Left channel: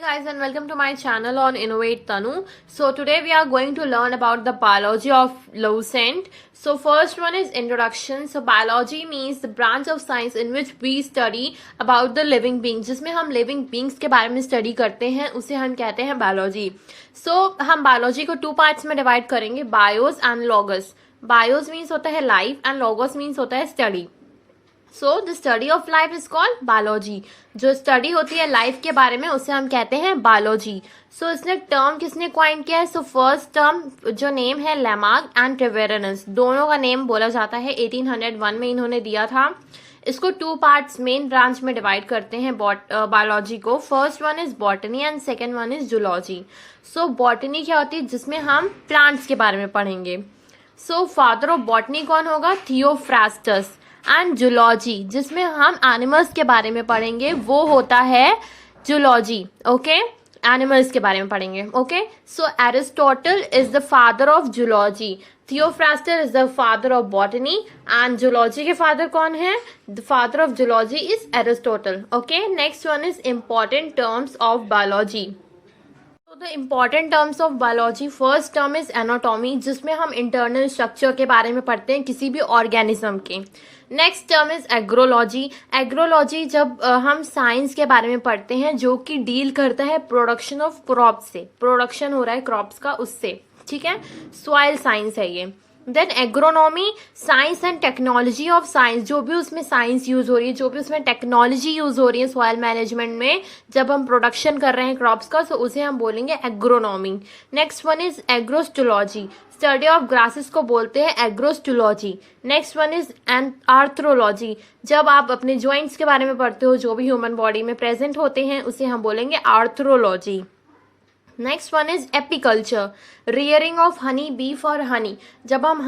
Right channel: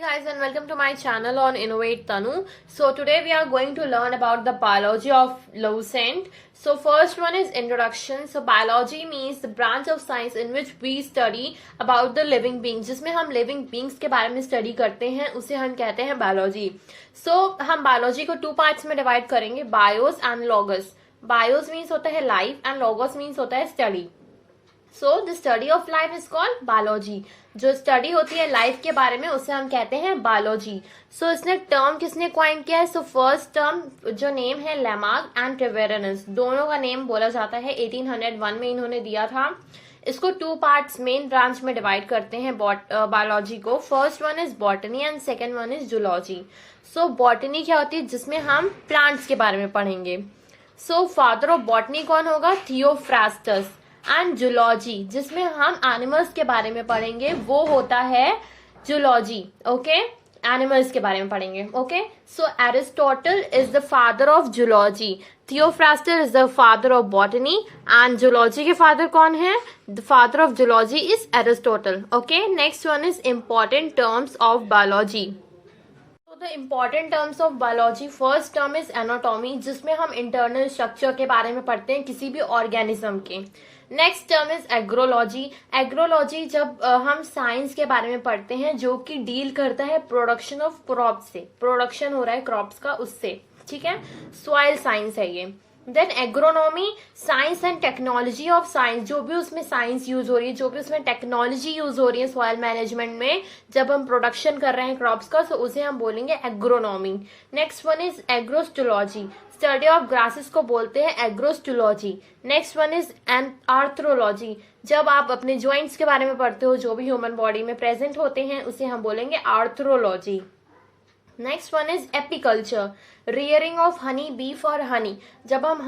Guys, and welcome to my channel on Innovate Tanu. So today we are going to learn about the biology of lucent. So first one is introduction. So biology means the branch of science in which we study about the living beings. जिसमें हम living beings के बारे में study करते हैं उसे हम कहते हैं biology. So हम biology को two parts में divide करेंगे, bios and logos. Bios means होता है life and logos means होता है study. So the study of life is called biology. जो स्टडी होती है लाइफ के बारे में उसे हम कहते हैं बायोलॉजी. सो इसने टर्म किसने क्वाइन किया है? सो फर्स्ट टर्म जो नेम है लेमार्क एंड ट्रेवेरनस, दोनों का नेम बोला जाता है. 1801 में इन्होंने दिया था. इसको टू पार्ट्स मेन ब्रांच में डिवाइड करते हैं बायोलॉजी को. First one is botany and second one is zoology. So botany क्या होती है? जिसमें हम प्लांट्स के बारे में पढ़ेंगे. सो फादर ऑफ बॉटनी कौन होगा? थियोफ्रास्टस. एंड जूलॉजी जिसमें हम एनिमल्स के बारे में पढ़ेंगे वो होता है जूलॉजी. ओके, एनिमल्स के बारे में पढ़ेंगे. Okay, so Aristotle is the father of zoology, Theophrastus is the father of botany and zoology के फादर कौन है? The father of zoology is Aristotle. Okay, next one is important terms of biology. The important terms of biology, first term is anatomy जिसमें हम internal structure के बारे में पढ़ते हैं किसी भी ऑर्गेनिज्म के. Next term is agrology. Agrology जब हम साइंस के बारे में पढ़ते हैं जो कि डील करता है प्रोडक्शन ऑफ क्रॉप्स से, प्रोडक्शन हो रहा है क्रॉप्स का उससे. ठीक है, सॉइल साइंस है ये. Then agronomy, science and technology of science, जो भी उसमें साइंस यूज हो रही है, जो भी उसमें टेक्नोलॉजी यूज हो रही है सॉइल मैनेजमेंट में जब हम प्रोडक्शन कर रहे हैं क्रॉप्स का, तो उसे हम बोलेंगे agronomy. Next one is agrostology, study of grasses को बोलते हैं agrostology. Next one is arthrology, जब आप अपने ज्वाइंट्स के बारे में पढ़ते हो जो भी ह्यूमन बॉडी में प्रेजेंट होते हैं उसे हम बोलेंगे arthrology. Next one is apiculture, rearing of honey bee for Honey, जब हम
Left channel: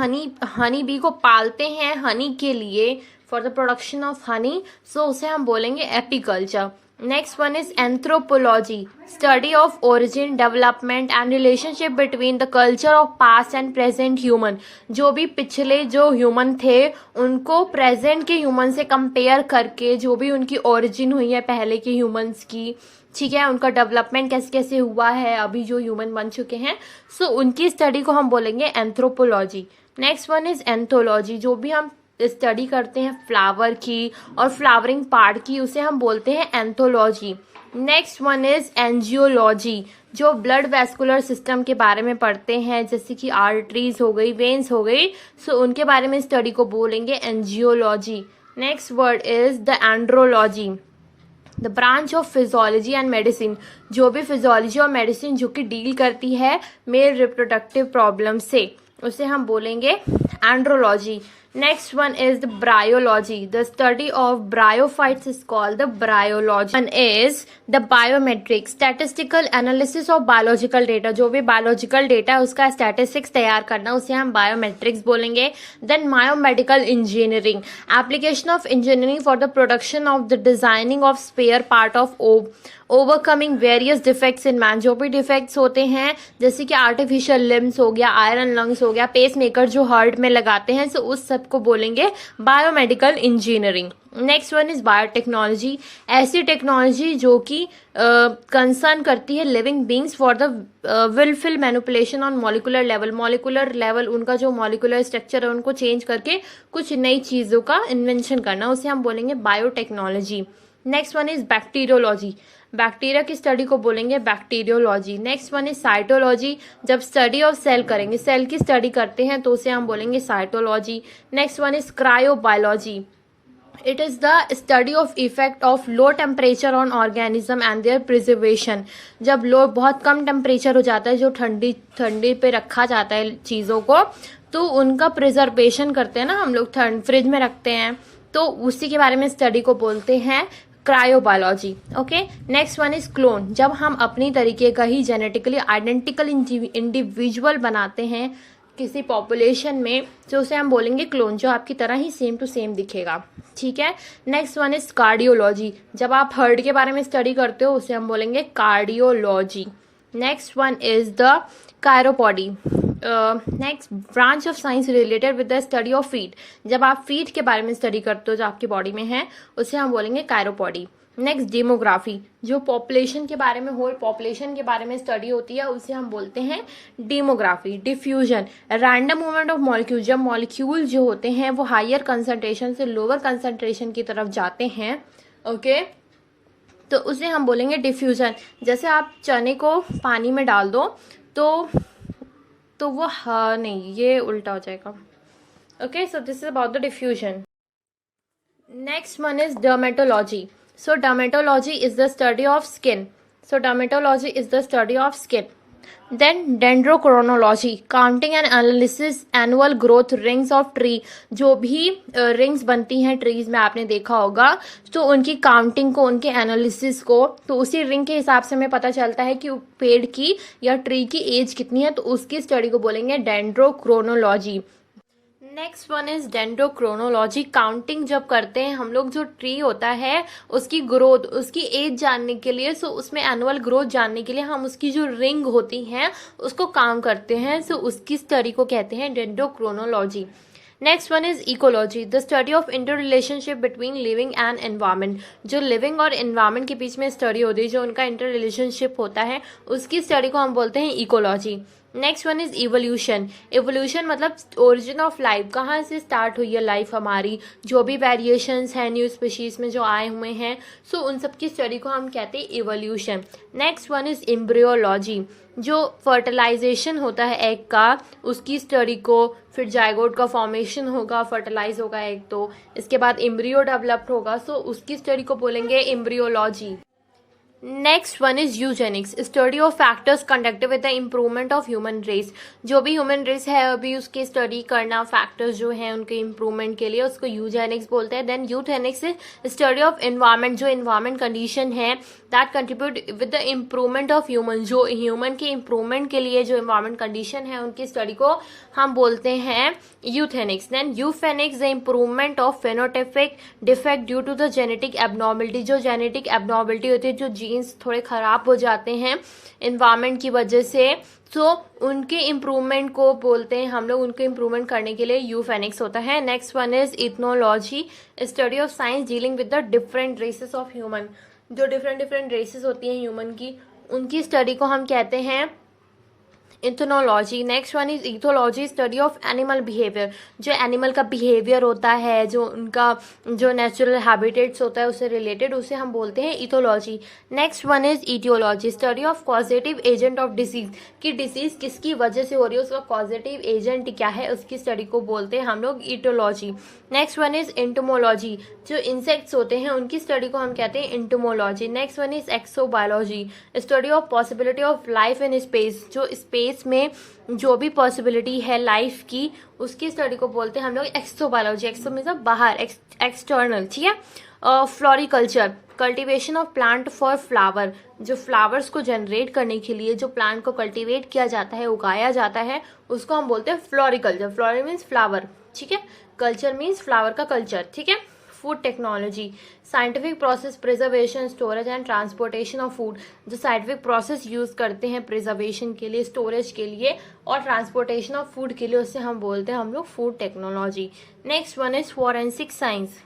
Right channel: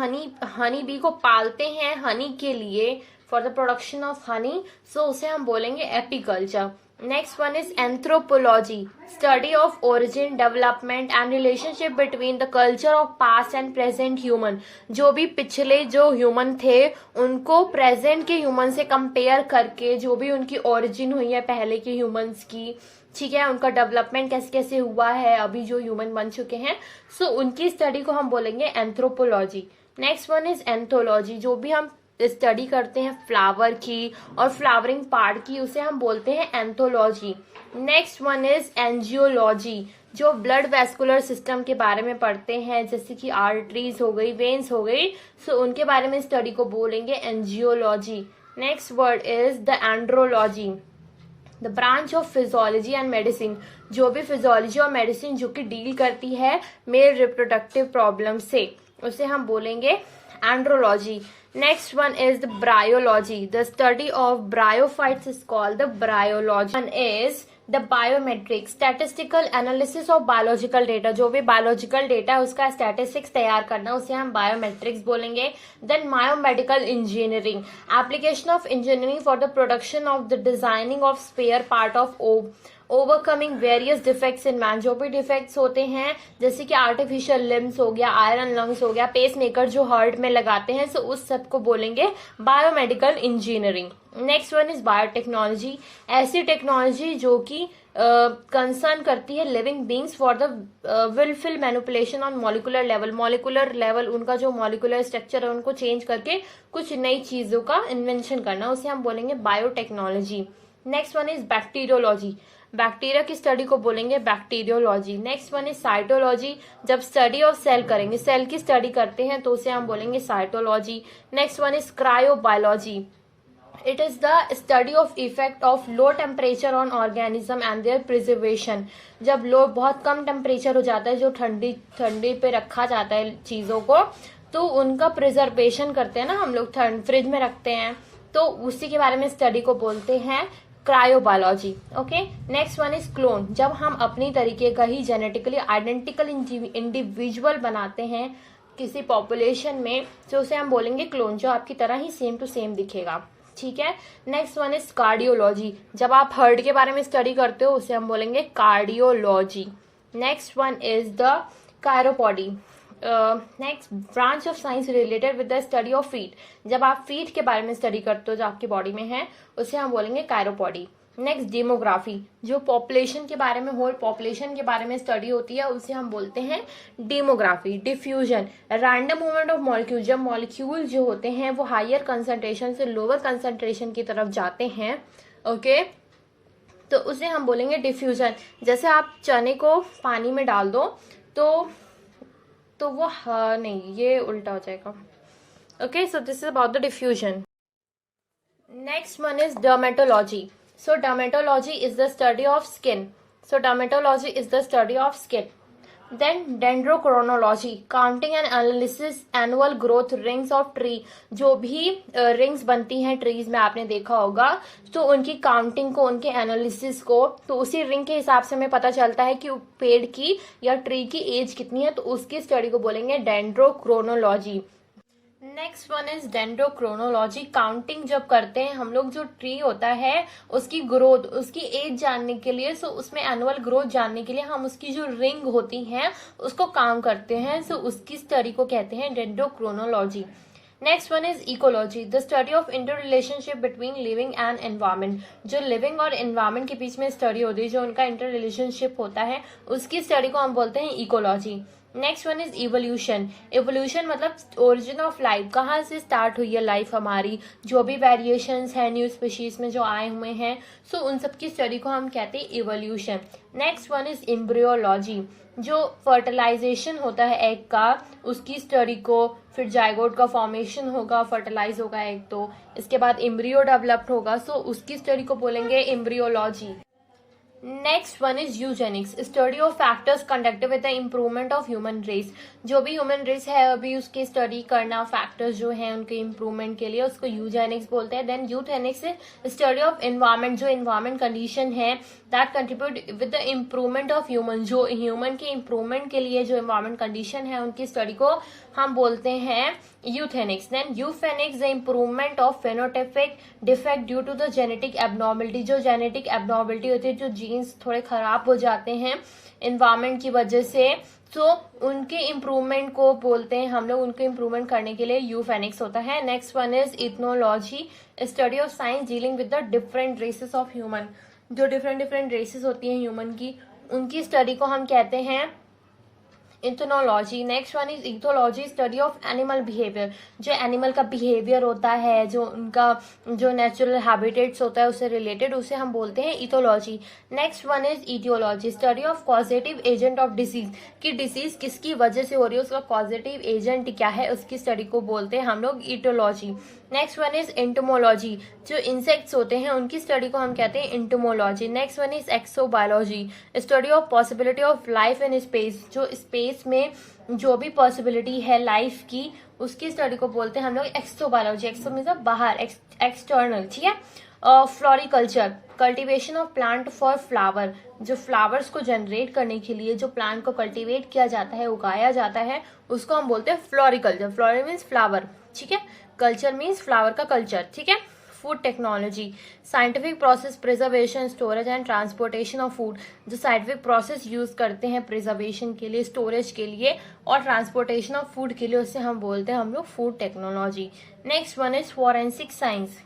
हनी बी को पालते हैं हनी के लिए for the production of honey, so उसे हम बोलेंगे apiculture. Next one is anthropology, study of origin, development and relationship between the culture of past and present human, जो भी पिछले जो ह्यूमन थे उनको प्रेजेंट के ह्यूमन से कंपेयर करके जो भी उनकी ओरिजिन हुई है पहले के ह्यूमंस की, ठीक है, उनका डेवलपमेंट कैसे कैसे हुआ है अभी जो ह्यूमन बन चुके हैं, सो उनकी स्टडी को हम बोलेंगे anthropology. Next one is anthology, जो भी हम स्टडी करते हैं फ्लावर की और फ्लावरिंग पार्ट की उसे हम बोलते हैं anthology. Next one is angiology, जो ब्लड वेस्कुलर सिस्टम के बारे में पढ़ते हैं जैसे कि आर्टरीज हो गई, वेन्स हो गई, सो उनके बारे में स्टडी को बोलेंगे angiology. Next word is the andrology, the branch of physiology and medicine, जो भी फिजियोलॉजी और मेडिसिन जो कि डील करती है मेल रिप्रोडक्टिव प्रॉब्लम से उसे हम बोलेंगे andrology. Next one is the bryology. The study of bryophytes is called the bryology. One is the biometrics, statistical analysis of biological data. जो भी biological data है उसका statistics तैयार करना उसे हम biometrics बोलेंगे. Then biomedical engineering, application of engineering for the production of the designing of spare part of overcoming various defects in man, जो भी डिफेक्ट्स होते हैं जैसे कि आर्टिफिशियल लिम्स हो गया, आयरन लंग्स हो गया, पेस मेकर जो हार्ट में लगाते हैं, सो उस सब को बोलेंगे biomedical engineering. Next one is biotechnology, ऐसी टेक्नोलॉजी जो कि कंसर्न करती है living beings for the wilful manipulation on molecular level. Molecular level उनका जो मॉलिकुलर स्ट्रक्चर है उनको चेंज करके कुछ नई चीजों का इन्वेंशन करना, उसे हम बोलेंगे biotechnology. Next one is bacteriology, bacteria की स्टडी को बोलेंगे bacteriology. Next one is cytology, जब स्टडी ऑफ सेल करेंगे, सेल की स्टडी करते हैं तो उसे हम बोलेंगे cytology. Next one is cryobiology, it is the study of effect of low temperature on organism and their preservation, जब लो बहुत कम टेम्परेचर हो जाता है जो ठंडी पे रखा जाता है चीजों को, तो उनका प्रिजर्वेशन करते हैं ना हम लोग, फ्रिज में रखते हैं, तो उसी के बारे में स्टडी को बोलते हैं cryobiology. Okay, next one is clone, जब हम अपनी तरीके का ही जेनेटिकली आइडेंटिकल इंडिविजुअल बनाते हैं किसी पॉपुलेशन में, तो उसे हम बोलेंगे क्लोन, जो आपकी तरह ही सेम टू सेम दिखेगा. ठीक है, नेक्स्ट वन इज कार्डियोलॉजी, जब आप हार्ट के बारे में स्टडी करते हो उसे हम बोलेंगे cardiology. Next one is the chiropody, next branch of science related with the study of feet, जब आप फीट के बारे में स्टडी करते हो जो आपकी बॉडी में है उसे हम बोलेंगे कायरोपॉडी. नेक्स्ट डेमोग्राफी, जो पॉपुलेशन के बारे में होल पॉपुलेशन के बारे में स्टडी होती है उसे हम बोलते हैं demography. Diffusion, random movement of molecule, जब मॉलिक्यूल जो होते हैं वो हायर कंसंट्रेशन से लोअर कंसंट्रेशन की तरफ जाते हैं, ओके, तो उसे हम बोलेंगे डिफ्यूजन। जैसे आप चने को पानी में डाल दो तो वो नहीं, ये उल्टा हो जाएगा, okay. So this is about the diffusion. Next one is dermatology. So dermatology is the study of skin. So dermatology is the study of skin. Then dendrochronology, counting and analysis annual growth rings of tree. जो भी rings बनती हैं trees में आपने देखा होगा, तो उनकी काउंटिंग को, उनके एनालिसिस को, तो उसी रिंग के हिसाब से हमें पता चलता है कि पेड़ की या ट्री की एज कितनी है, तो उसकी स्टडी को बोलेंगे dendrochronology. Next one is dendrochronology. Counting जब करते हैं हम लोग, जो ट्री होता है उसकी ग्रोथ, उसकी एज जानने के लिए, सो उसमें एनुअल ग्रोथ जानने के लिए हम उसकी जो रिंग होती है उसको काउंट करते हैं, सो उसकी स्टडी को कहते हैं dendrochronology. Next one is ecology, the study of inter relationship between living and environment. जो लिविंग और एनवायरमेंट के बीच में स्टडी होती है, जो उनका इंटर रिलेशनशिप होता है, उसकी स्टडी को हम बोलते हैं ecology. Next one is evolution. Evolution मतलब ओरिजिन ऑफ लाइफ, कहाँ से स्टार्ट हुई है लाइफ हमारी, जो भी वेरिएशंस हैं न्यू स्पीशीज में जो आए हुए हैं, सो उन सब की स्टडी को हम कहते हैं evolution. Next one is embryology, जो फर्टिलाइजेशन होता है एग का, उसकी स्टडी को, फिर जायगोट का फॉर्मेशन होगा, फर्टिलाइज होगा एग, तो इसके बाद एम्ब्रियो डेवलप्ड होगा, सो उसकी स्टडी को बोलेंगे embryology. Next one is eugenics, study of factors conducted with the improvement of human race. जो भी ह्यूमन रेस है अभी उसकी स्टडी करना, फैक्टर्स जो है उनके इम्प्रूवमेंट के लिए, उसको यूजेनिक्स बोलते हैं। Then euthenics is study of environment, जो एनवायरमेंट कंडीशन है that contribute with the improvement of human, जो ह्यूमन के इम्प्रूवमेंट के लिए जो एनवायरमेंट कंडीशन है उनकी स्टडी को हम बोलते हैं euthenics. Then euphenics, the improvement of phenotypic defect due to the genetic abnormality, जो जेनेटिक एबनॉर्मलिटी होती है, जो जीन्स थोड़े खराब हो जाते हैं एनवायरमेंट की वजह से, तो उनके इम्प्रूवमेंट को बोलते हैं हम लोग, उनके इम्प्रूवमेंट करने के लिए यूफेनिक्स होता है। Next one is ethnology, study of science dealing with the different races of human. जो डिफरेंट रेसेस होती हैं ह्यूमन की, उनकी स्टडी को हम कहते हैं ethnology. Next one is ethology, study of animal behaviour, जो एनिमल का बिहेवियर होता है, जो उनका जो नेचुरल हैबिटेट्स होता है उससे रिलेटेड, उसे हम बोलते हैं ethology. Next one is etiology, study of causative agent of disease, कि डिसीज किसकी वजह से हो रही है, उसका कॉजेटिव एजेंट क्या है, उसकी स्टडी को बोलते हैं हम लोग etiology. Next one is entomology, जो इंसेक्ट्स होते हैं उनकी स्टडी को हम कहते हैं entomology. Next one is exobiology, study of possibility of life in space, जो स्पेस में जो भी पॉसिबिलिटी है लाइफ की, उसकी स्टडी को बोलते हैं हम लोग एक्सोबायोलॉजी। एक्सो मतलब बाहर, एक्सटर्नल, ठीक है। Floriculture, cultivation of plant for flower, जो फ्लावर्स को जनरेट करने के लिए जो प्लांट को कल्टीवेट किया जाता है, उगाया जाता है, उसको हम बोलते हैं फ्लोरिकल्चर। फ्लोरी मीन्स फ्लावर, ठीक है, कल्चर मीन्स फ्लावर का कल्चर, ठीक है। Food technology, scientific process, preservation, storage and transportation of food, जो साइंटिफिक प्रोसेस यूज करते हैं प्रिजर्वेशन के लिए, स्टोरेज के लिए और ट्रांसपोर्टेशन ऑफ फूड के लिए, उससे हम बोलते हैं हम लोग food technology. Next one is forensic science,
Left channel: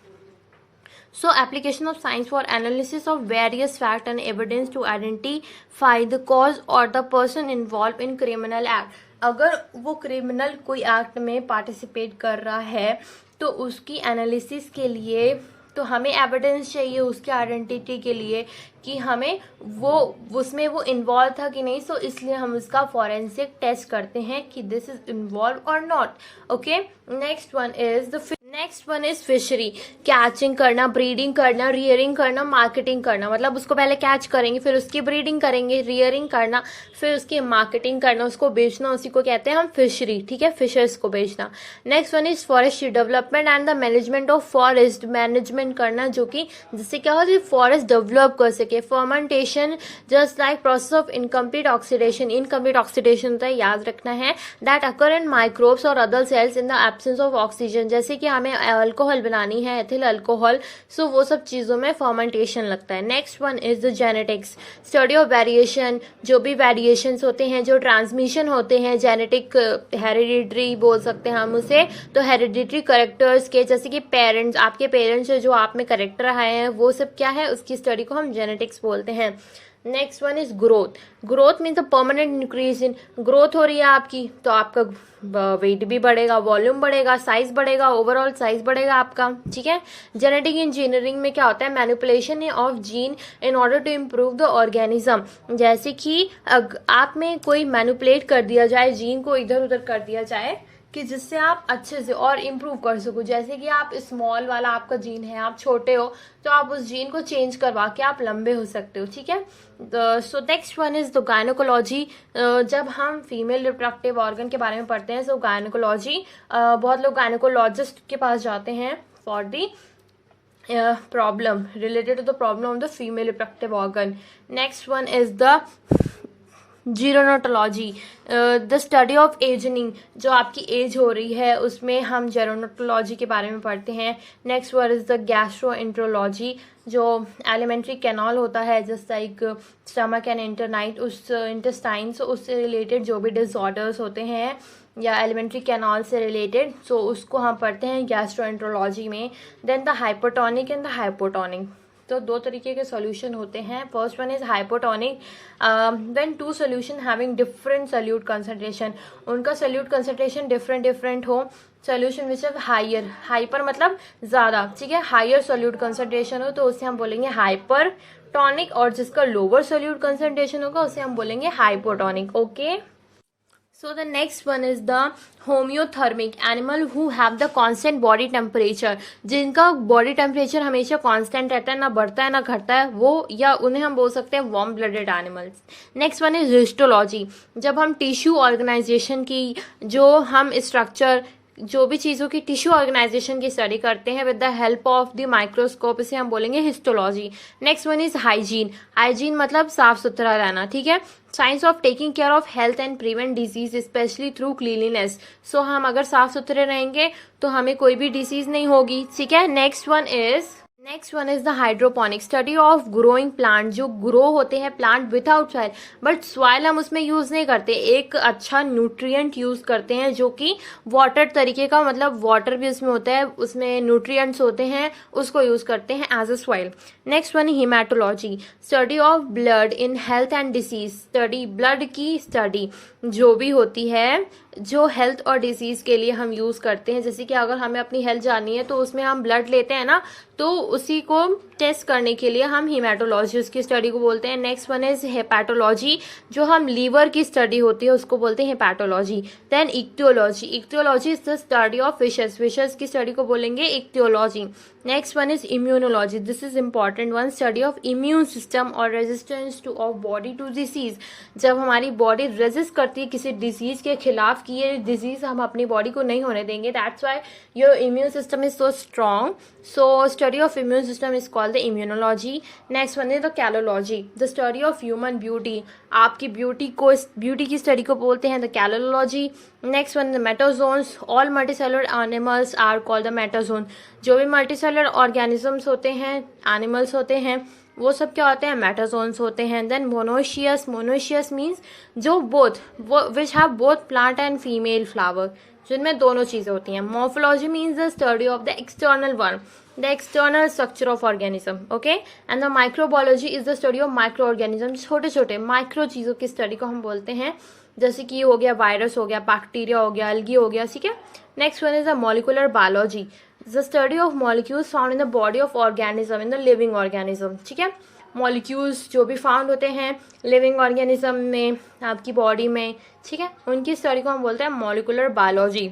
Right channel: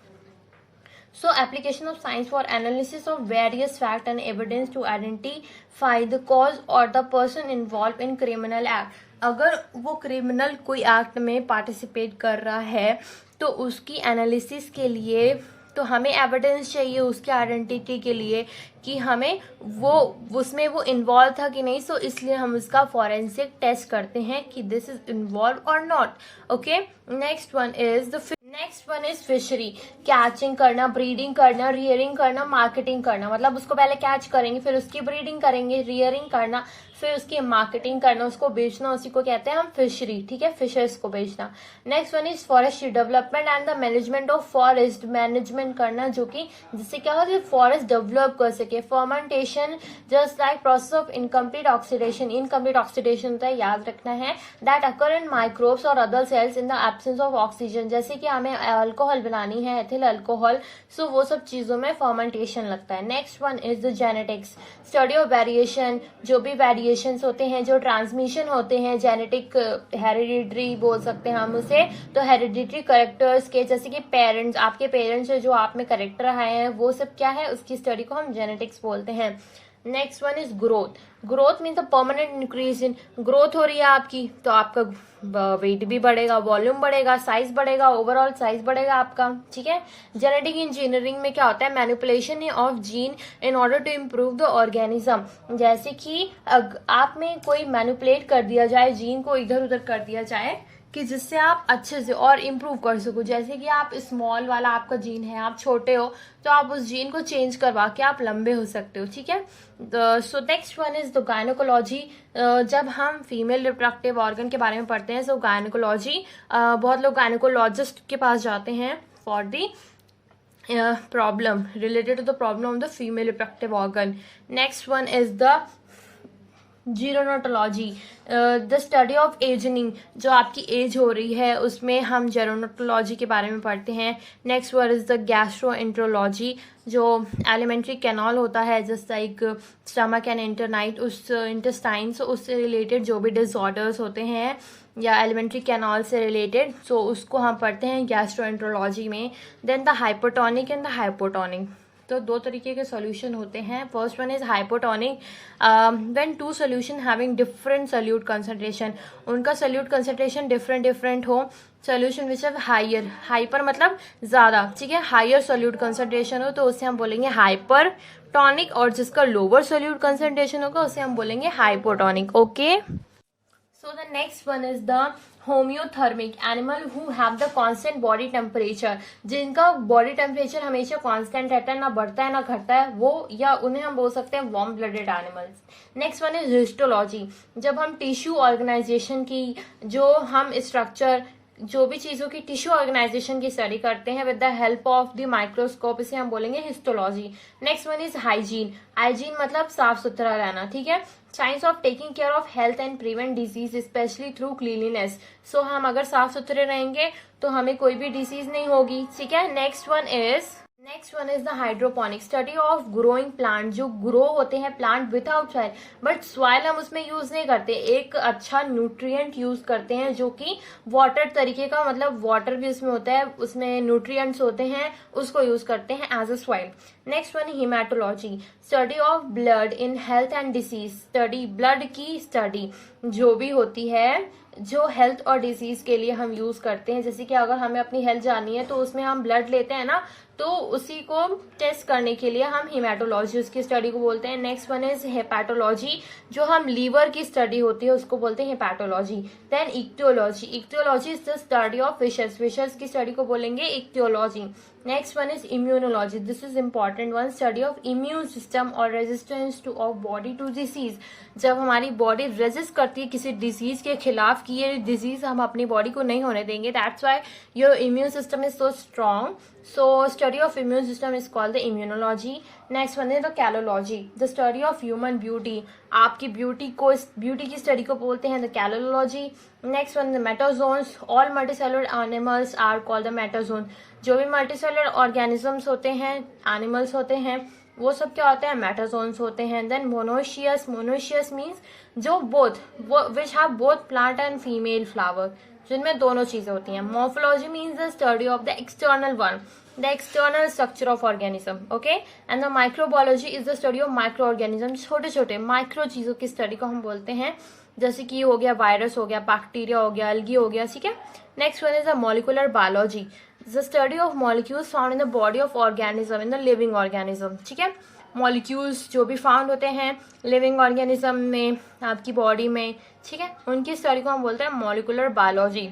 so application of science for analysis of various fact and evidence to identify the cause or the person involved in criminal act। अगर वो क्रिमिनल कोई एक्ट में participate कर रहा है तो उसकी analysis के लिए तो हमें एविडेंस चाहिए उसके आइडेंटिटी के लिए कि हमें वो उसमें वो इन्वॉल्व था कि नहीं, सो इसलिए हम उसका फॉरेंसिक टेस्ट करते हैं कि दिस इज इन्वॉल्व और not, okay. Next one is fishery, catching करना, ब्रीडिंग करना, रियरिंग करना, मार्केटिंग करना, मतलब उसको पहले कैच करेंगे, फिर उसकी ब्रीडिंग करेंगे, रियरिंग करना, फिर उसकी मार्केटिंग करना, उसको बेचना, उसी को कहते हैं हम फिशरी, ठीक है, फिशर्स को बेचना। Next one is forestry, development and the management of forest, management करना जो कि जिससे क्या हो, फॉरेस्ट डेवलप कर सके। Fermentation, just like process of incomplete oxidation, incomplete oxidation होता है, याद रखना है, दैट अकर इन माइक्रोब्स और other sales in the absence of oxygen, जैसे कि हमें अल्कोहल बनानी है, एथिल अल्कोहल, सो वो सब चीज़ों में फर्मेंटेशन लगता है। Next one is the genetics, study of variation, जो भी वेरिएशंस होते हैं, जो ट्रांसमिशन होते हैं, जेनेटिक हेरिडिटरी बोल सकते हैं हम उसे, तो हेरिडिटरी करेक्टर्स के, जैसे कि पेरेंट्स, आपके पेरेंट्स से जो आप में करेक्टर आए हैं वो सब क्या है, उसकी स्टडी को हम जेनेटिक्स बोलते हैं। Next one is growth, growth means the permanent increase in, growth हो रही है आपकी तो आपका वेट भी बढ़ेगा, वॉल्यूम बढ़ेगा, साइज बढ़ेगा, ओवरऑल साइज बढ़ेगा आपका, ठीक है। जेनेटिक इंजीनियरिंग में क्या होता है, manipulation of gene in order to improve the organism, जैसे कि आप में कोई मैनिपुलेट कर दिया जाए, जीन को इधर उधर कर दिया जाए कि जिससे आप अच्छे से और इम्प्रूव कर सको। जैसे कि आप स्मॉल वाला आपका जीन है, आप छोटे हो तो आप उस जीन को चेंज करवा के आप लंबे हो सकते हो, ठीक है। So next one is the gynaecology, जब हम फीमेल रिप्रोडक्टिव ऑर्गन के बारे में पढ़ते हैं, सो गायनोकोलॉजी, बहुत लोग गायनोकोलॉजिस्ट के पास जाते हैं for the problem related to the problem of the female reproductive organ. Next one is the gerontology, the study of ageing, जो आपकी एज हो रही है उसमें हम जेरोनोटोलॉजी के बारे में पढ़ते हैं। Next one is the gastroenterology, जो एलिमेंट्री कैनाल होता है जस्ट लाइक स्टमक एंड इंटरनाइट, उस इंटेस्टाइन्स, उससे रिलेटेड जो भी डिसऑर्डर्स होते हैं या एलिमेंट्री कैनाल से रिलेटेड, सो उसको हम पढ़ते हैं गैस्ट्रोएंट्रोलॉजी में। Then the hypotonic and the hypotonic, तो दो तरीके के सॉल्यूशन होते हैं। First one is hypotonic, when two solution having different solute concentration, उनका सॉल्यूट कंसंट्रेशन डिफरेंट हो, solution which is higher, hyper मतलब ज्यादा, ठीक है, हायर सॉल्यूट कंसंट्रेशन हो तो उसे हम बोलेंगे हाइपर टॉनिक, और जिसका लोअर सॉल्यूट कंसंट्रेशन होगा उसे हम बोलेंगे hypotonic, okay. So the next one is the homeothermic, animal who have the constant body temperature, जिनका बॉडी टेम्परेचर हमेशा कांस्टेंट रहता है, ना बढ़ता है ना घटता है, वो या उन्हें हम बोल सकते हैं warm blooded animals. Next one is histology, जब हम टिश्यू ऑर्गेनाइजेशन की, जो हम स्ट्रक्चर, जो भी चीजों की टिश्यू ऑर्गेनाइजेशन की स्टडी करते हैं with the help of the microscope, इसे हम बोलेंगे histology. Next one is hygiene, hygiene मतलब साफ सुथरा रहना, ठीक है, science of taking care of health and prevent disease specially through cleanliness, so हम अगर साफ सुथरे रहेंगे तो हमें कोई भी डिसीज नहीं होगी, ठीक है। Next one is the hydroponic, study of growing plant, जो ग्रो होते हैं plant without soil, but soil हम उसमें यूज नहीं करते, एक अच्छा न्यूट्रिएंट यूज करते हैं जो कि वाटर तरीके का, मतलब वाटर भी उसमें होता है, उसमें न्यूट्रिएंट्स होते हैं, उसको यूज करते हैं as a soil. Next one haematology, study of blood in health and disease, study blood की स्टडी जो भी होती है, जो हेल्थ और डिजीज के लिए हम यूज करते हैं, जैसे कि अगर हमें अपनी हेल्थ जाननी है तो उसमें हम ब्लड लेते हैं ना, तो उसी को टेस्ट करने के लिए हम हीमेटोलॉजी उसकी स्टडी को बोलते हैं। नेक्स्ट वन इज हेपेटोलॉजी, जो हम लीवर की स्टडी होती है उसको बोलते हैं hepatology. Then ichthyology, ichthyology is the study of fishes, fishes की स्टडी को बोलेंगे ichthyology. Next one is immunology, this is important one, study of immune system और resistance to of body to disease, जब हमारी बॉडी रेजिस्ट करती है किसी disease के खिलाफ कि ये डिजीज हम अपनी बॉडी को नहीं होने देंगे, that's why your immune system is so strong, so study of immune system is called the immunology. Next one is the kalology, the study of human beauty, आपकी ब्यूटी की स्टडी को बोलते हैं the kalology. Next one the metazoans, all multicellular animals are called the metazoan, जो भी multicellular organisms होते हैं, animals होते हैं, वो सब क्या होते हैं, मेटाजोन्स होते हैं। देन मोनोशियस, मोनोशियस मीन्स जो which have both plant and female flower, जिनमें दोनों चीजें होती हैं। Morphology means the study of the external one, the external structure of organism, okay. And the microbiology is the study of micro organism, छोटे छोटे micro चीजों की study को हम बोलते हैं, जैसे कि हो गया वायरस, हो गया बैक्टीरिया, हो गया एल्गी, हो गया, ठीक है। Next one is the molecular biology, the study of molecules found in the body of organism, in the living organism, ठीक है। मॉलिक्यूल्स जो भी फाउंड होते हैं लिविंग ऑर्गेनिज्म में, आपकी बॉडी में, ठीक है, उनकी स्टडी को हम बोलते हैं molecular biology.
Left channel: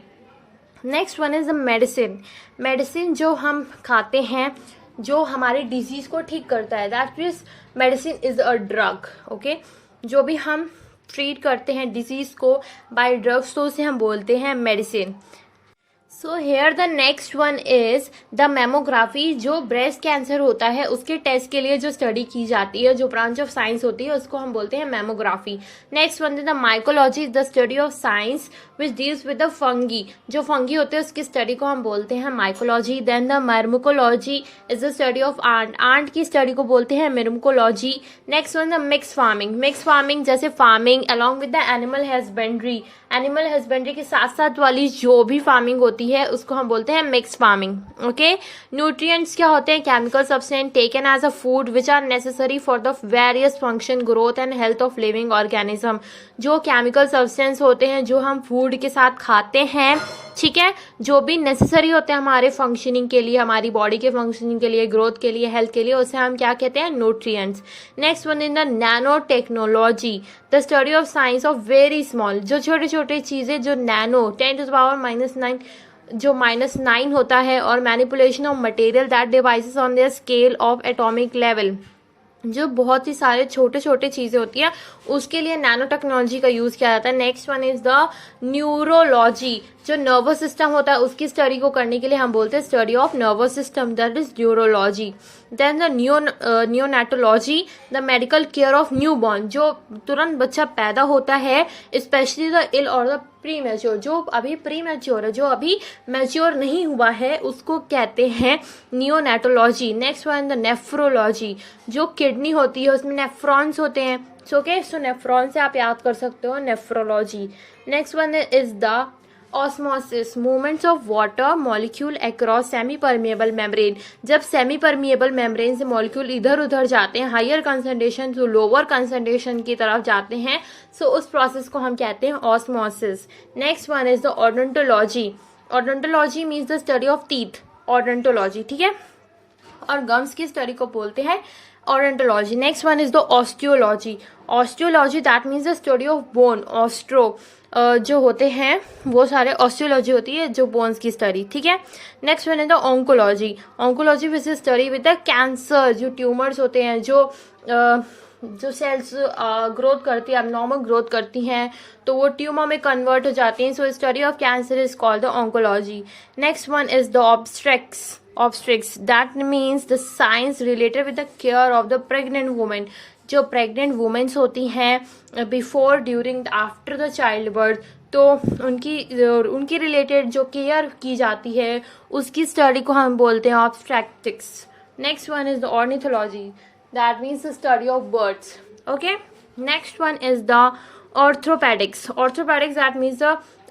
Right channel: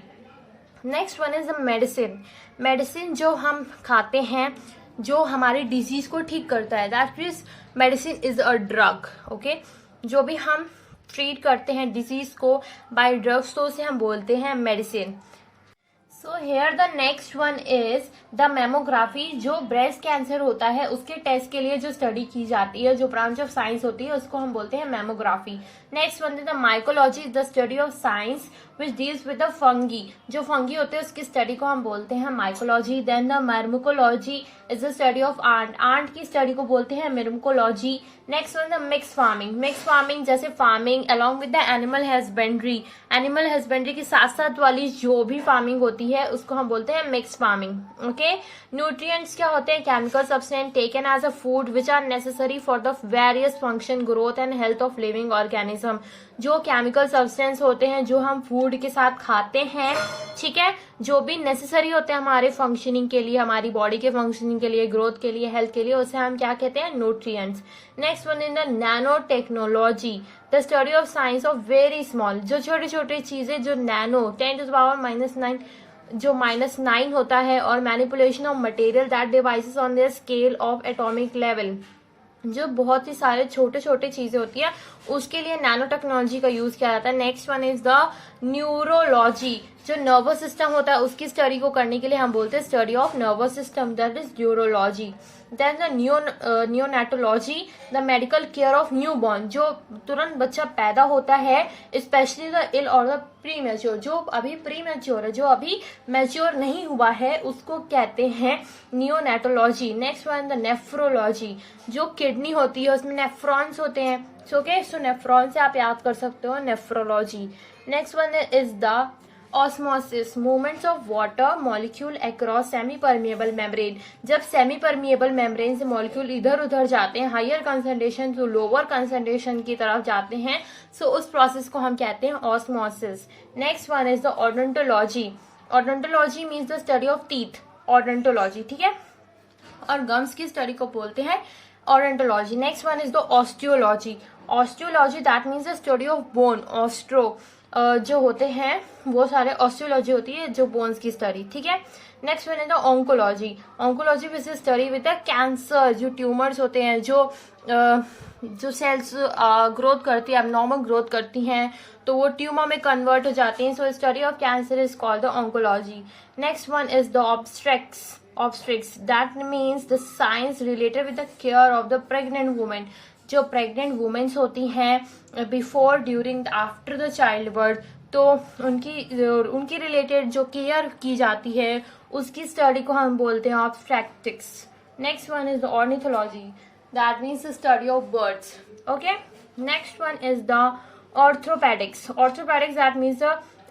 Next one is the medicine, medicine जो हम खाते हैं जो हमारी डिजीज को ठीक करता है, that means medicine is a drug, okay. जो भी हम ट्रीट करते हैं डिजीज को बाय ड्रग्स तो उसे हम बोलते हैं medicine. So here the next one is the mammography. जो ब्रेस्ट कैंसर होता है उसके टेस्ट के लिए जो स्टडी की जाती है, जो ब्रांच ऑफ साइंस होती है, उसको हम बोलते हैं mammography. Next one is the mycology, the study of science which deals with the fungi. जो फंगी होते हैं उसकी स्टडी को हम बोलते हैं mycology. Then the myrmecology is the study of ant. Ant की स्टडी को बोलते हैं myrmecology. Next one the mix farming. Mix farming जैसे farming along with the animal husbandry. Animal husbandry के साथ साथ वाली जो भी फार्मिंग होती है उसको हम बोलते हैं मिक्स फार्मिंग। ओके, न्यूट्रिएंट्स क्या होते हैं? Chemical substance taken as a food which are necessary for the various function, growth and health of living organism. जो केमिकल सब्सटेंस होते हैं जो हम फूड के साथ खाते हैं, ठीक है, जो भी नेसेसरी होते हैं हमारे फंक्शनिंग के लिए, हमारी बॉडी के फंक्शनिंग के लिए, ग्रोथ के लिए, हेल्थ के लिए, उसे हम क्या कहते हैं? Nutrients. Next one in the nano technology, the study of science of very small. जो छोटी छोटी चीजें जो नैनो 10⁻⁹ जो -9 होता है, और manipulation of material that devices on the scale of atomic level. जो बहुत ही सारे छोटे छोटे चीजें होती है उसके लिए नैनो टेक्नोलॉजी का यूज किया जाता है। Next one is the neurology. जो नर्वस सिस्टम होता है उसकी स्टडी को करने के लिए हम बोलते हैं study of nervous system, that is neurology. Then the neonatology, the medical care of newborn. जो तुरंत बच्चा पैदा होता है, स्पेशली द इल और द प्री मैच्योर। जो अभी प्री मैच्योर है, जो अभी मैच्योर नहीं हुआ है, उसको कहते हैं neonatology. Next one the nephrology. जो किडनी होती है उसमें नेफ्रॉन्स होते हैं, ओके, सो नेफ्रॉन से आप याद कर सकते हो nephrology. Next one is the osmosis, movements of water molecule across semi permeable membrane. जब सेमी परमिएबल मेम्ब्रेन से मॉलिक्यूल इधर उधर जाते हैं, higher concentration to lower concentration की तरफ जाते हैं, सो उस प्रोसेस को हम कहते हैं osmosis. Next one is the odontology. Odontology means the study of teeth, odontology, ठीक है, और गम्स की स्टडी को बोलते हैं odontology. Next one is the osteology. Osteology that means the study of bone, Austro जो होते हैं वो सारे ऑस्टियोलॉजी होती है, जो बोन्स की स्टडी, ठीक है। Next one is the oncology. Oncology which is study with the cancer. जो ट्यूमर्स होते हैं, जो सेल्स ग्रोथ करती है, एबनॉर्मल ग्रोथ करती हैं, तो वो ट्यूमर में कन्वर्ट हो जाती हैं, so study of cancer is called the oncology. Next one is the obstetrics that means the science related with the care of the pregnant women. जो प्रेग्नेंट वुमेन्स होती हैं before, during, after the child birth, तो उनकी related जो care की जाती है उसकी स्टडी को हम बोलते हैं obstetrics. Next one is the ornithology, that means the study of birds, okay. Next one is the orthopaedics. Orthopaedics that means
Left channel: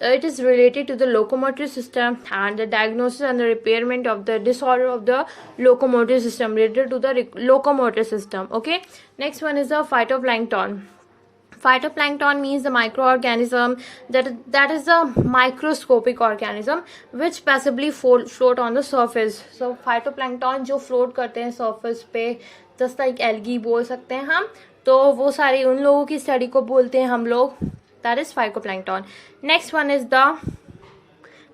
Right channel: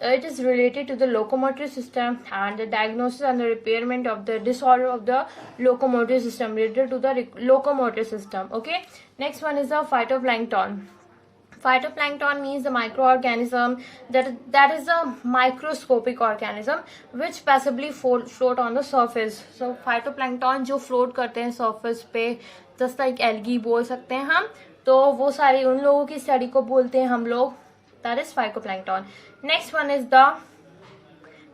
it is related to the locomotor system and the diagnosis and the repairment of the disorder of the locomotor system, related to the locomotor system, okay. Next one is the phytoplankton. Phytoplankton means the microorganism that is a microscopic organism which passively float on the surface. So phytoplankton जो float करते हैं surface पे, just like algae बोल सकते हैं हम, तो वो सारे उन लोगों की स्टडी को बोलते हैं हम लोग, that is phytoplankton. Next one is the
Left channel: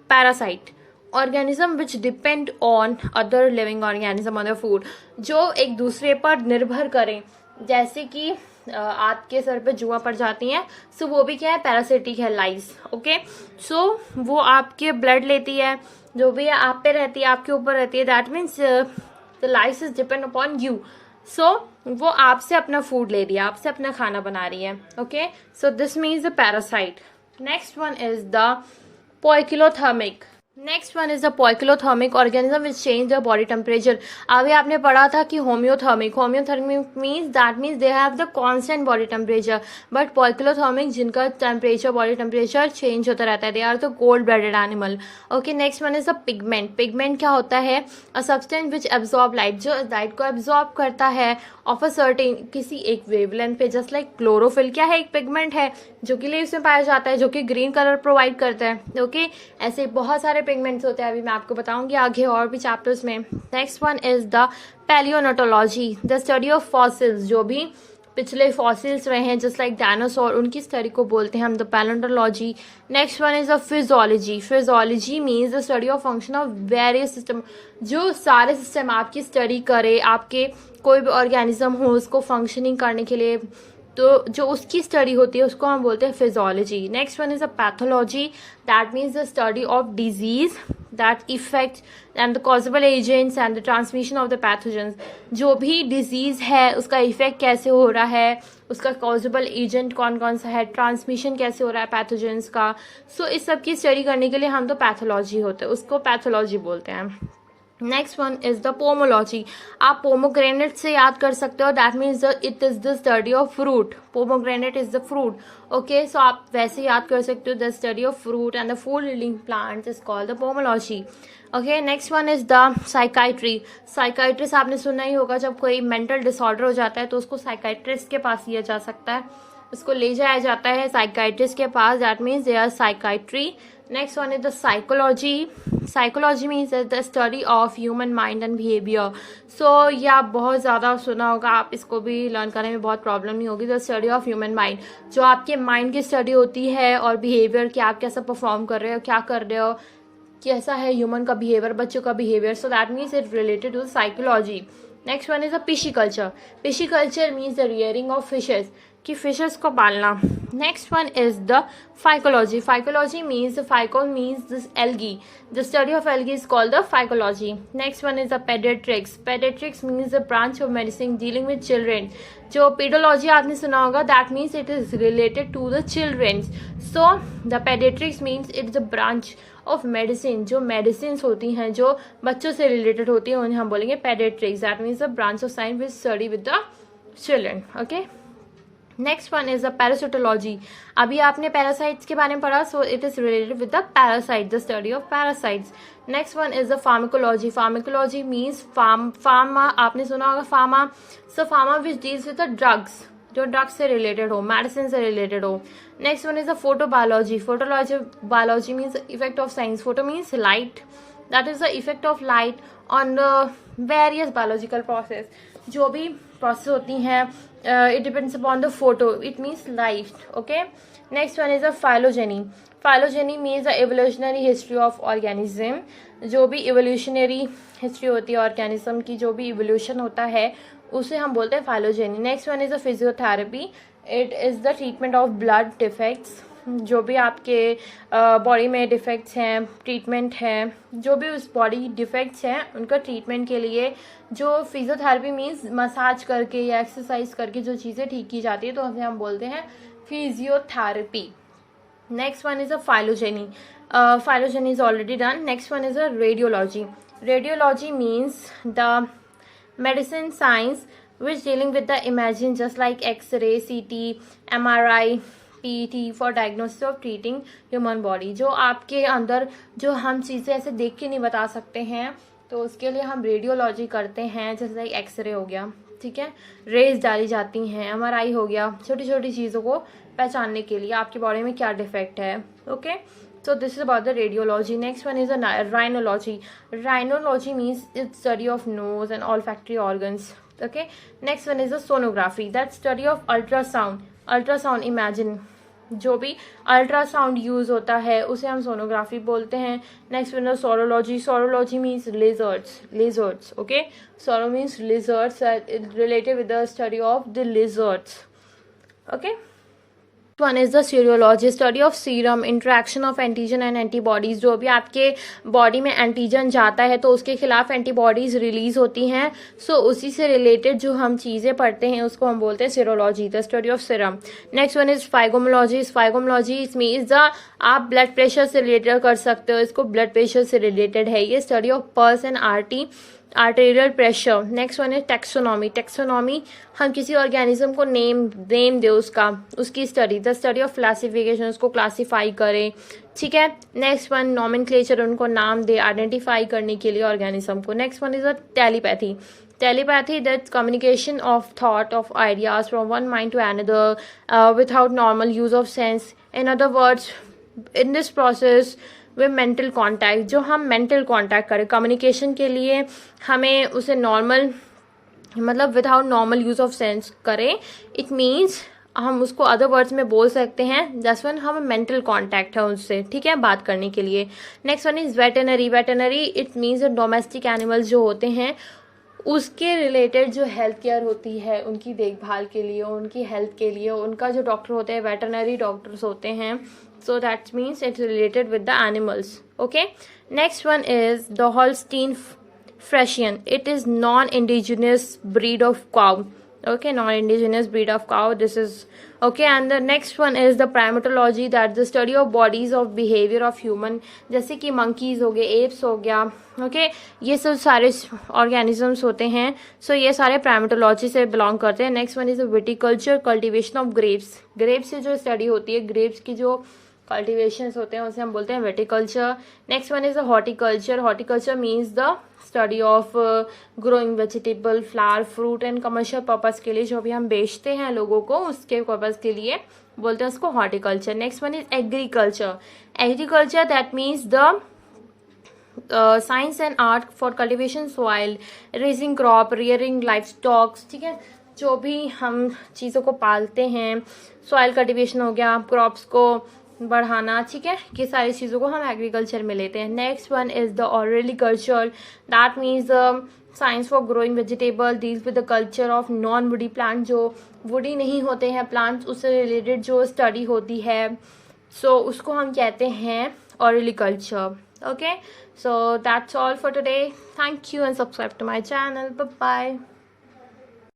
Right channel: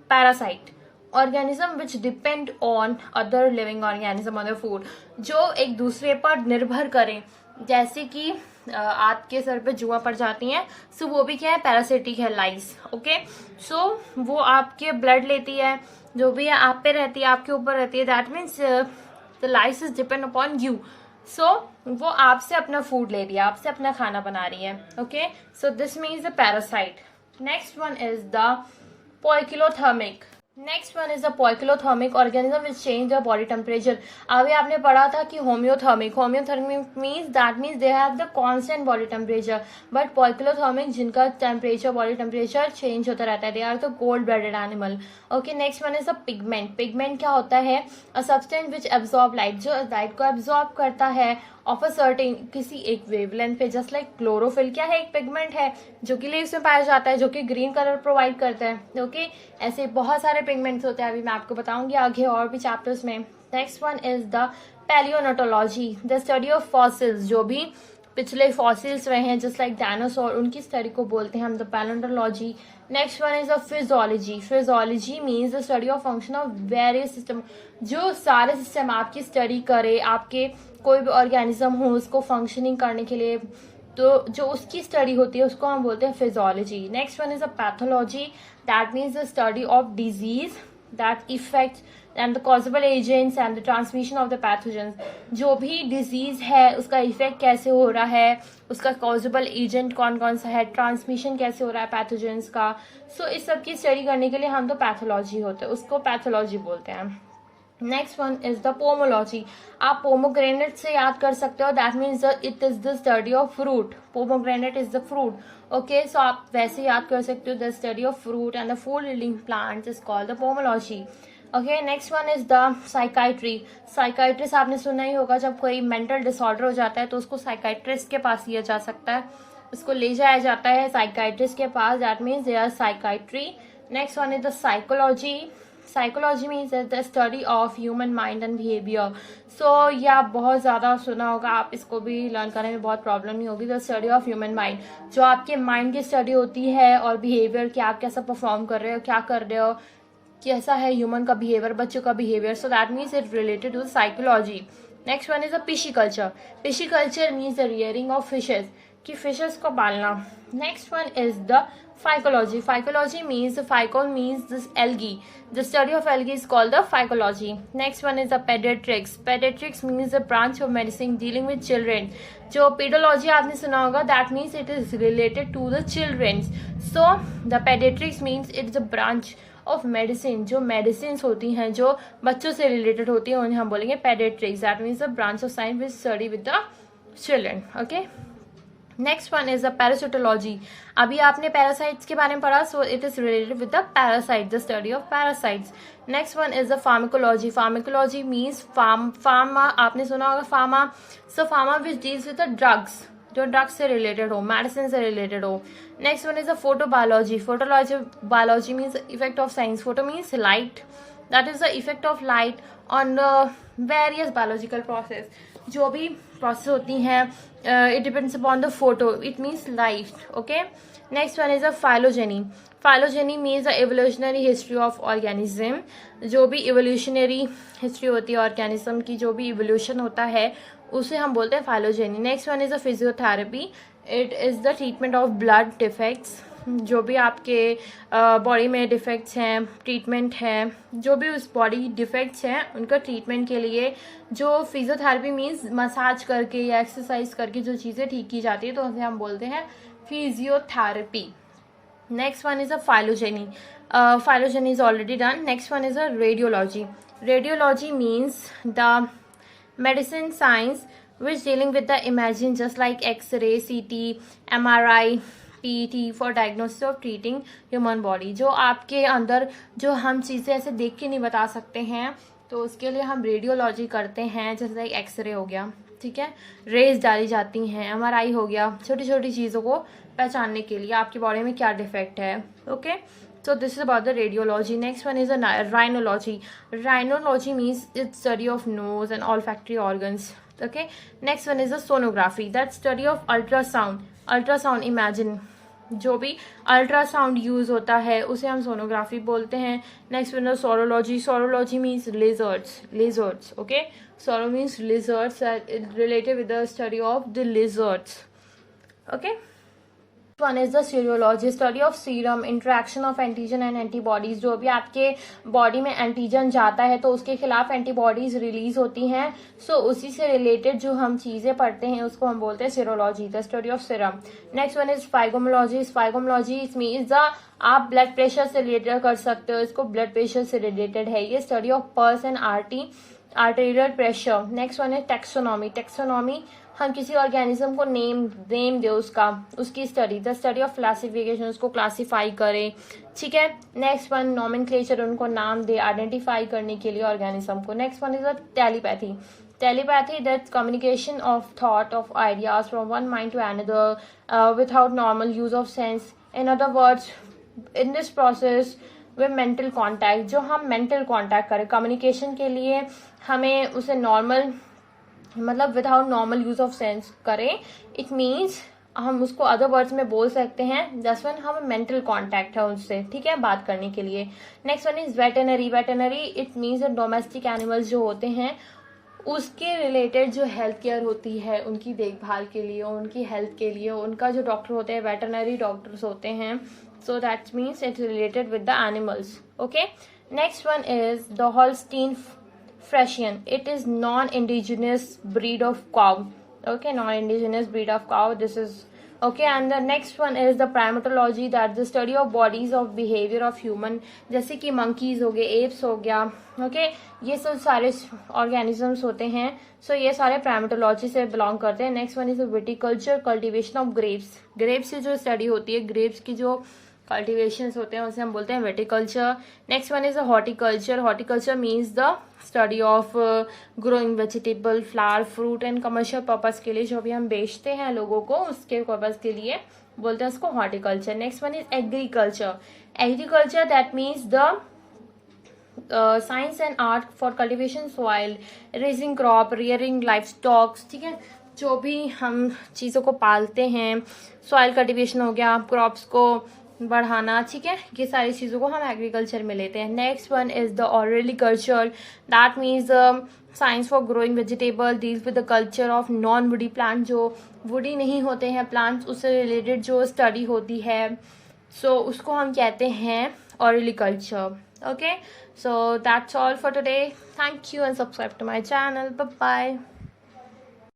parasite, organism which depend on other living organism on their food. जो एक दूसरे पर निर्भर करें, जैसे कि आपके सर पे जुआ पड़ जाती हैं, सो वो भी क्या है? पैरासिटिक है, लाइस, ओके। सो वो आपके ब्लड लेती है, जो भी है आप पे रहती है, आपके ऊपर रहती है, that means the lice is depend upon you. So वो आपसे अपना फूड ले रही है, आपसे अपना खाना बना रही है, okay. So this means the parasite. Next one is the poikilothermic. Next one is the poikilothermic, organism which change the body temperature. अभी आपने पढ़ा था कि homeothermic means that means they have the constant body temperature, but poikilothermic जिनका temperature, body temperature change होता रहता है, they are the cold blooded animal, okay. Next one is the pigment. Pigment क्या होता है? A substance which absorb light, जो light को absorb करता है ऑफ अ सर्टेन, किसी एक वेवलेंथ पे, जस्ट लाइक क्लोरोफिल क्या है? एक पिगमेंट है जो कि लीव्स में पाया जाता है, जो कि ग्रीन कलर प्रोवाइड करता है, ओके। ऐसे बहुत सारे पिगमेंट्स होते हैं, अभी मैं आपको बताऊंगी आगे और भी चैप्टर्स में। Next one is the palaeontology, the study of fossils. जो भी पिछले फॉसिल्स रहे हैं, जस्ट लाइक डायनासोर, उनकी स्टडी को बोलते हैं हम the palaeontology. Next one is the physiology. Physiology means the study of function of various system. जो सारे सिस्टम आपकी स्टडी करे, आपके कोई भी ऑर्गेनिज्म हो उसको फंक्शनिंग करने के लिए, तो जो उसकी स्टडी होती है उसको हम बोलते हैं physiology. Next one is a pathology, that means the study of disease, that affect and the causable agents and the transmission of the pathogens. जो भी डिजीज है उसका इफेक्ट कैसे हो रहा है, उसका कॉजेबल एजेंट कौन कौन सा है, ट्रांसमिशन कैसे हो रहा है पैथोजेंस का. सो इस सब की स्टडी करने के लिए हम तो पैथोलॉजी होते हैं, उसको पैथोलॉजी बोलते हैं. Next one is the pomology. आप पोमोग्रेनेट से याद कर सकते हो, that means it is the study of fruit. Pomegranate is the fruit. Okay, so आप वैसे याद कर सकते हो, the study of fruit and the food yielding plants is called the pomology. Okay, next one is the psychiatry. Psychiatrist आपने सुना ही होगा, जब कोई मेंटल डिसऑर्डर हो जाता है तो उसको साइकाइट्रिस्ट के पास लिया जा सकता है, उसको ले जाया जाता है साइकाइट्रिस्ट के पास. That means they are psychiatry. Next one is the psychology. Psychology means the study of human mind and behavior. So ये आप बहुत ज़्यादा सुना होगा, आप इसको भी लर्न करने में बहुत प्रॉब्लम नहीं होगी. The study of human mind, जो आपके माइंड की स्टडी होती है और बिहेवियर कि आप कैसा परफॉर्म कर रहे हो, क्या कर रहे हो, कैसा है ह्यूमन का बिहेवियर, बच्चों का behaviour. So that means it related to psychology. Next one is the pisciculture. Pisciculture means the rearing of fishes, कि फिशेस को पालना. Next one is the phycology. Phycology means phyco means this algae. The study of algae is called the phycology. Next one is the paediatrics. Paediatrics means the branch of medicine dealing with children. जो paedology आपने सुना होगा, that means it is related to the children. So the paediatrics means it is a branch of medicine. जो medicine होती हैं जो बच्चों से रिलेटेड होती है उन्हें हम बोलेंगे paediatrics. That means the branch of science which study with the children. Okay, next one is the parasitology. अभी आपने पैरासाइट्स के बारे में पढ़ा, so it is related with the parasite, the study of parasites. Next one is the pharmacology. Pharmacology means pharma, आपने सुना होगा pharma. So pharma which deals with the drugs, जो ड्रग्स से रिलेटेड हो, मेडिसिन से रिलेटेड हो. Next one is the photobiology. Photology biology means effect of science. Photo means light, that is the effect of light on various biological process. जो भी process होती हैं, it depends upon the photo, it means light. Okay, next one is a phylogeny. Phylogeny means the evolutionary history of organism. जो भी evolutionary history होती है organism की, जो भी इवोल्यूशन होता है उसे हम बोलते हैं phylogeny. Next one is a physiotherapy. It is the treatment of blood defects. जो भी आपके बॉडी में डिफेक्ट्स हैं, ट्रीटमेंट है, जो भी उस बॉडी डिफेक्ट्स हैं उनका ट्रीटमेंट के लिए जो फिजियोथेरेपी मीन्स मसाज करके या एक्सरसाइज करके जो चीज़ें ठीक की जाती है तो उसे हम बोलते हैं physiotherapy. Next one is a phylogeny. Phylogeny is already done. Next one is a radiology. Radiology means the medicine science which dealing with the imaging just like x-ray, CT, MRI, PET for diagnosis of treating human body. जो आपके अंदर जो हम चीज़ें ऐसे देख के नहीं बता सकते हैं तो उसके लिए हम रेडियोलॉजी करते हैं. जैसे लाइक एक्सरे हो गया, ठीक है, रेज डाली जाती हैं, MRI हो गया, छोटी छोटी चीज़ों को पहचानने के लिए आपकी बॉडी में क्या डिफेक्ट है. Okay, so this is about the radiology. Next one is a rhinology. Rhinology means it's study of nose and olfactory organs. Okay, next one is a sonography. That's study of ultrasound. Ultrasound, imagine जो भी ultrasound use होता है उसे हम sonography बोलते हैं. Next one is saurology. Saurology means lizards. Lizards, okay, sauro means lizards, related with the study of the lizards. Okay, one is the serology. Study of serum, interaction of antigen and antibodies. जो भी आपके body में antigen जाता है तो उसके खिलाफ antibodies release होती हैं. सो उसी से रिलेटेड जो हम चीजें पढ़ते हैं उसको हम बोलते हैं serology, the study of serum. Next one is sphygmology. Sphygmology means the, आप ब्लड प्रेशर से रिलेटेड कर सकते हो इसको, ब्लड प्रेशर से रिलेटेड है ये. Study of pulse and arterial pressure. Next one है टेक्सोनॉमी. टेक्सोनॉमी, हम किसी ऑर्गेनिज्म को नेम दे उसकी study, the study of classification, उसको क्लासीफाई करें, ठीक है. नेक्स्ट वन नॉमेनक्लेचर, उनको नाम दे, आइडेंटिफाई करने के लिए ऑर्गेनिज्म को. Next one is a telepathy. Telepathy, that's communication of thought, of ideas from one mind to another without normal use of sense. In other words, in this process with mental contact, जो हम mental contact करें communication के लिए, हमें उसे normal मतलब without normal use of sense करें. It means हम उसको अदर वर्ड्स में बोल सकते हैं दस वन हम मेंटल कांटेक्ट है उससे, ठीक है, बात करने के लिए. Next one is veterinary. Veterinary, it means domestic animals जो होते हैं उसके रिलेटेड जो हेल्थ केयर होती है, उनकी देखभाल के लिए, उनकी हेल्थ के लिए उनका जो डॉक्टर होते हैं वेटरनरी डॉक्टर्स होते हैं. सो that means it's related with the animals. Okay, Next one is the Holstein Friesian. It is non-indigenous breed of cow. Okay, non-indigenous breed of cow. This is okay. And the next one is the primatology, that the study of bodies of behavior of human. जैसे कि monkeys हो गए, apes हो गया. Okay, ये सब सारे organisms होते हैं. So ये सारे primatology से belong करते हैं. Next one is the viticulture, cultivation of grapes. Grapes से जो study होती है, grapes की जो कल्टिवेशंस होते हैं उसे हम बोलते हैं viticulture. Next one is the horticulture. Horticulture means the study of growing vegetable, flower, fruit and commercial purpose के लिए जो भी हम बेचते हैं लोगों को, उसके पर्पज के लिए बोलते हैं उसको horticulture. Next one is agriculture. Agriculture that means the science and art for cultivation soil, raising crop, rearing life stocks. ठीक है, जो भी हम चीजों को पालते हैं, सॉइल कल्टिवेशन हो गया, क्रॉप्स को बढ़ाना. ठीक है, ये सारी चीजों को हम एग्रीकल्चर में लेते हैं. Next one is the organiculture. That means science for growing vegetable, deals with the culture of non woody plant. जो वुडी नहीं होते हैं प्लांट्स, उससे रिलेटेड जो स्टडी होती है, सो उसको हम कहते हैं organiculture. Okay, so that's all for today. Thank you and subscribe to my channel. Bye bye.